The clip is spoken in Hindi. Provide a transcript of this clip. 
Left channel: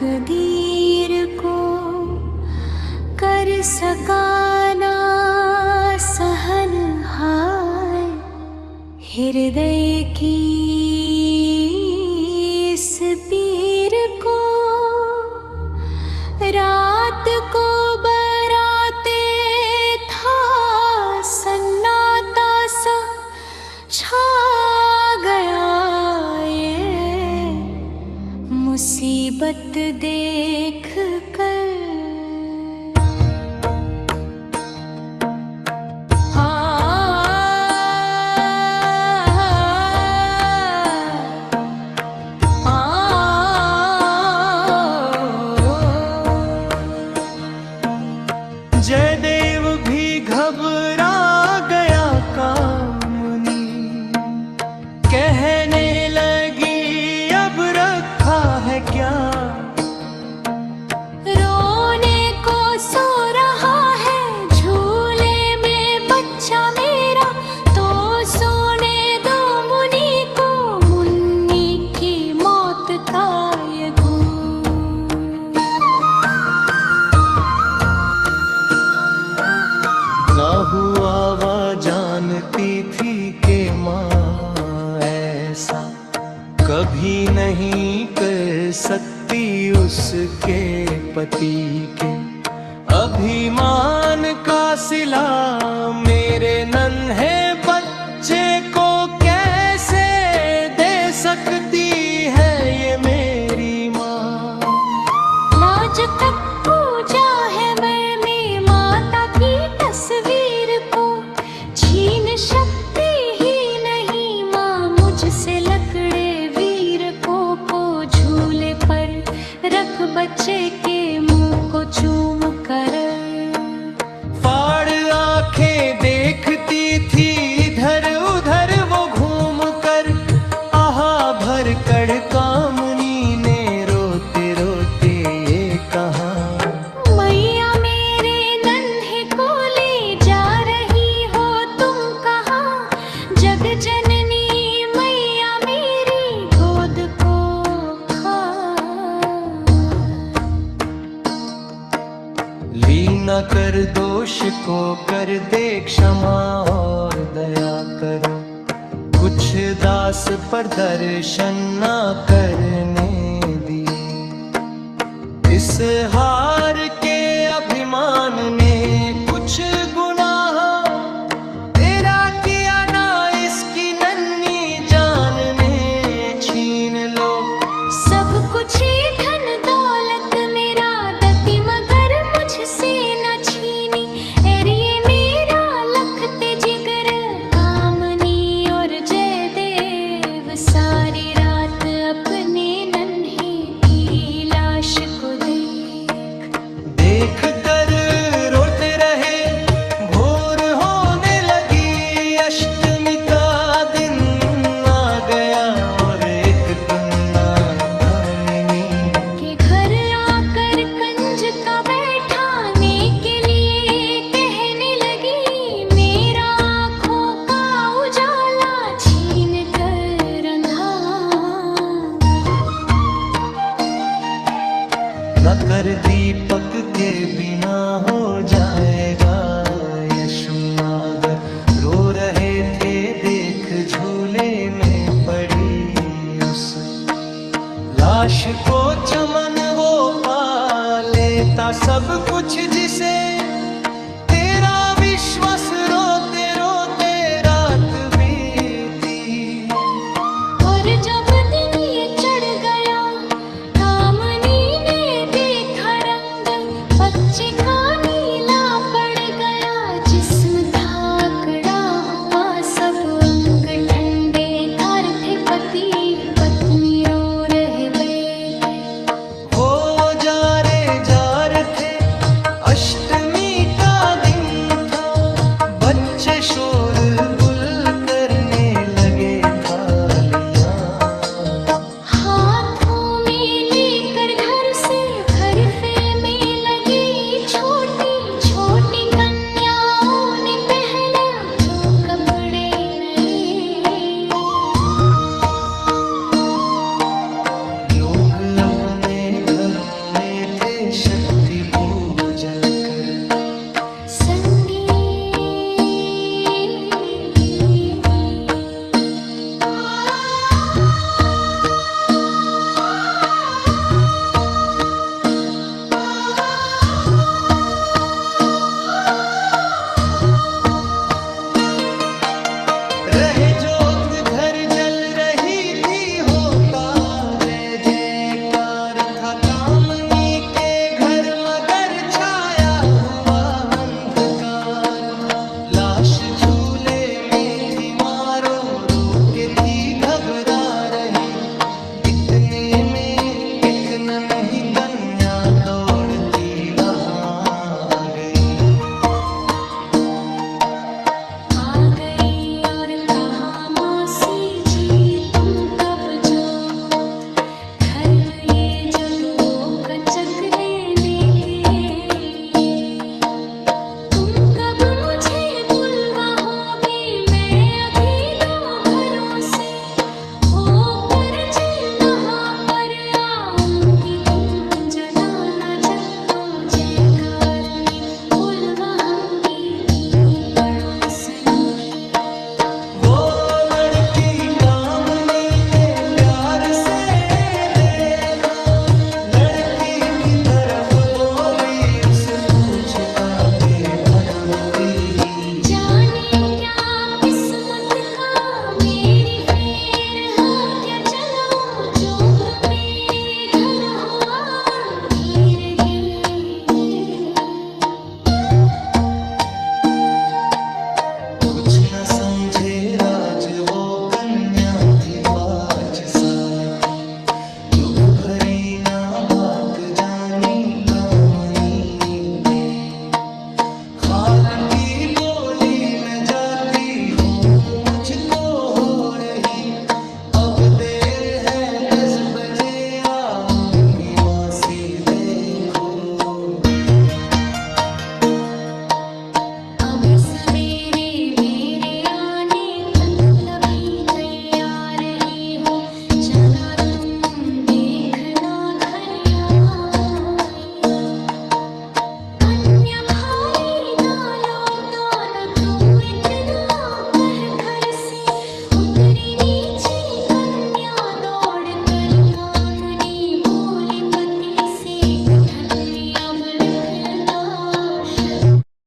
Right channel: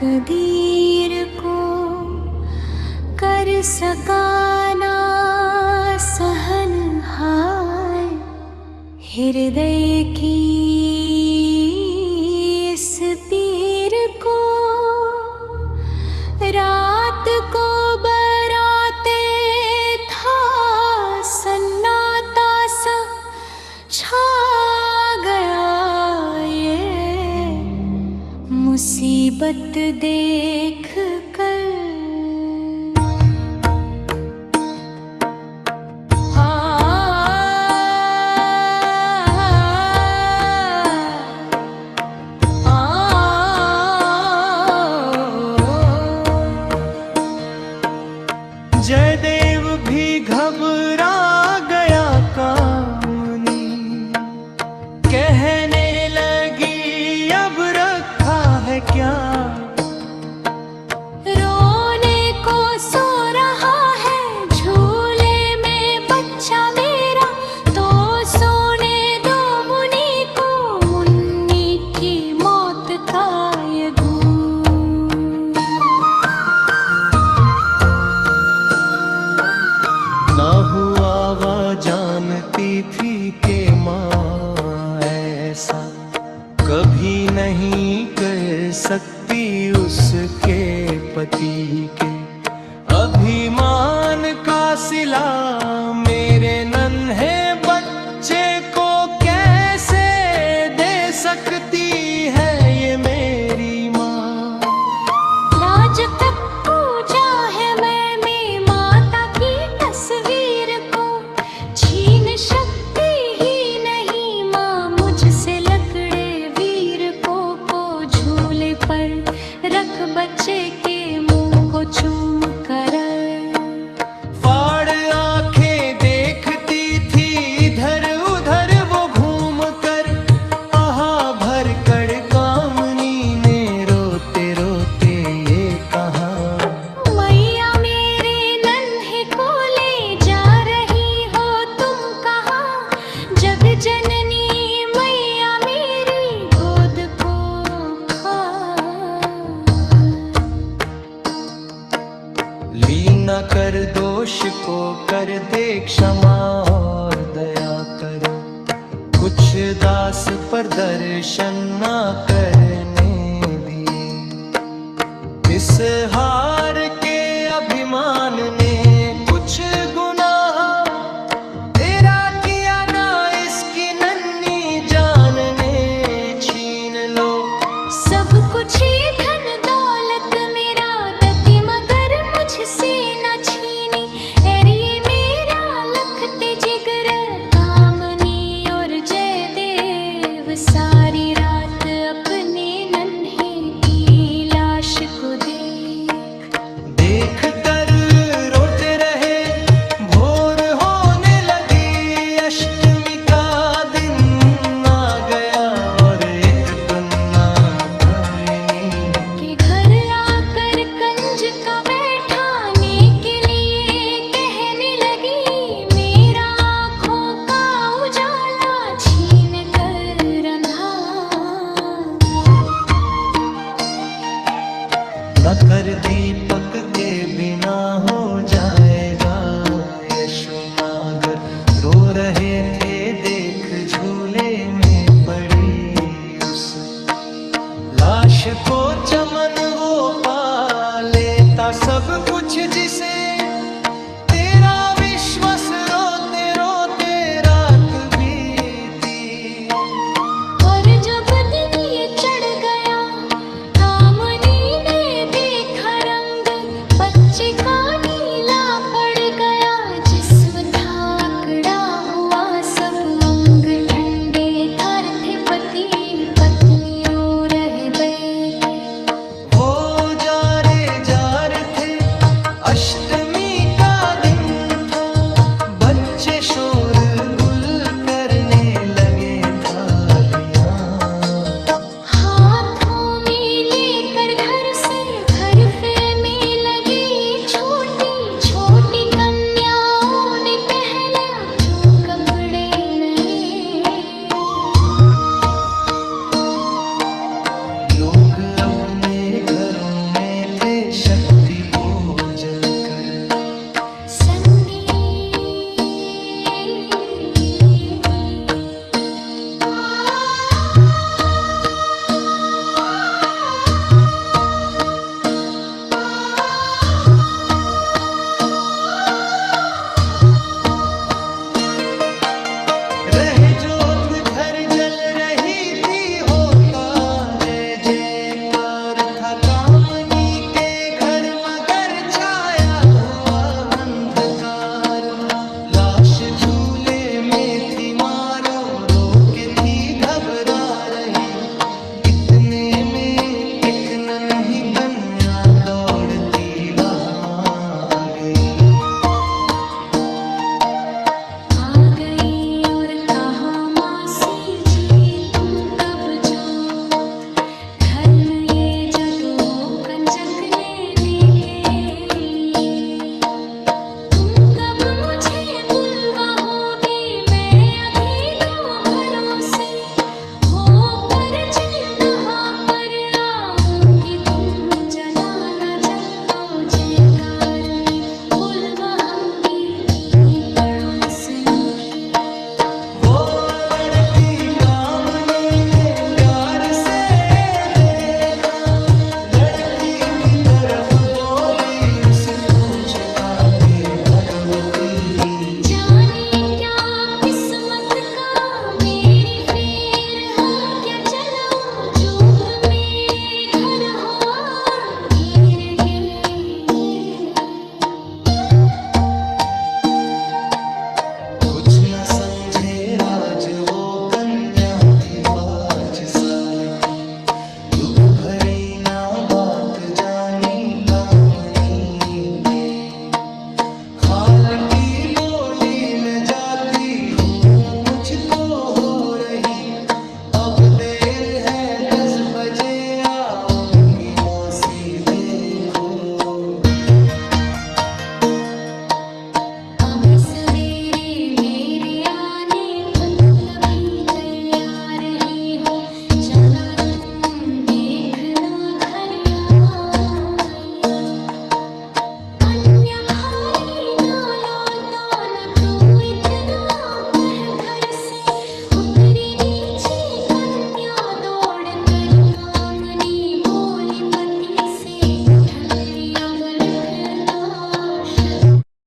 तकदीर को कर सका ना सहन हाय। हृदय की इस पीर को रात को बराते था सन्नाटा सा छा गया ये मुसीबत देख कर। जयदेव भी घबरा गया कामनी, कहने लगी अब रखा है क्या। रोने को सो रहा है झूले में बच्चा मेरा, तो सोने दो मुनि को मुन्नी की मौत का ये ना हुआ वह जानती थी कि माँ ऐसा कभी नहीं कर सकती उसके पति के अभिमान का सिला। मेरे नन्हे बच्चे को कैसे दे सकती है ये मेरी माँ। लाज तक पूजा है मैंने माता की तस्वीर को, छीन सकती ही नहीं माँ मुझसे लकड़े वीर को झूले पर रख बच्चे के मुंह को चूम कर। फाड़ आंखें देखती थी इधर उधर वो घूम कर, आहा भर कर कामनी ने रोते रोते ये कहा। मैया मेरे नन्हे को ले जा रही हो तुम कहाँ, जग जननी मैया मेरी गोद को खा। ली न कर दोष को कर दे क्षमा और दया करो, कुछ दास पर दर्शन ना करने दिए। इस हार के अभिमान ने कुछ गुनाह तेरा किया ना, इसकी नन्ही जान ने छीन लो। सब कुछ ही धन दौलत मेरा दती मगर मुझसे न छीनी। एरिए मेरा लखते जिगर कामनी और जयदेव सारी रात अपने नन्हे की लाश को देख कर रोते रहे। भोर होने लगी अष्टमी का दिन आ गया और एक गुन्ना कामनी के घर आकर कंज का बैठाने के लिए कहने लगी। मेरा आँखों का उजाला छीन कर अंधा। न कर दीपक के बिना हो जाएगा यशुनागर। रो रहे थे देख झूले में पड़ी उस लाश को चमन वो पा लेता सब कुछ जिसे तेरा विश्वास रोते रोते रात बीती। और जब दिन ये चढ़ गया कामनी ने देखा रंग, बच्चे का नीला पड़ गया जिस्म था आकड़ा हुआ सब अंग ठंडे थर थे। पति पत्नी रो रहे बैठे वो जार थे अष्टमी का दिन था। बच्चे शोर गुल करने लगे थालियां हाथों में लेकर घर से घर पे में लगी। छोटी छोटी कन्याओं ने पहले जो कपड़े नए। लोग अपने घरों शक्ति पूजन कर। संगीत रहे जोत घर जल रही थी, होता जय जयकार था। कामनी के घर मगर छाया हुआ अंधकार था। लाश झूले में थी, मारो रो के थी घबरा रही। इतने में एक नन्ही कन्या दौड़ती वहां आ गई। और कहा, मासी जी तुम कब जो घर में ये जदो कंजक लेने के लिए, तुम कब मुझे बुलवाओगी? मैं अभी 2 घरों से होकर जलनहा पर आऊंगी। तुम जलाना जग तो जयकार में बुलवाऊंगी थी पड़ोसन की। वो लड़की कामनी ने प्यार से देखा, लड़की की तरफ बोली, उसे पूछता के भगवती ही जाने क्या किस्मत का मेरी फेर है, क्या जलाऊं जोत मेरे घर हो अंधेर गे। कुछ न समझे राज, वो कन्या थी 5 साल की। दुख भरी ना बात जानी कामनी थे। खाल की बोली मैं जाती हूँ, मुझको हो रही अब देर है। 10 बजे आऊंगी मासी देखो। अभी सवेरे मेरे आने तक तभी तैयार ही हो जाना, तुम देखना घर आ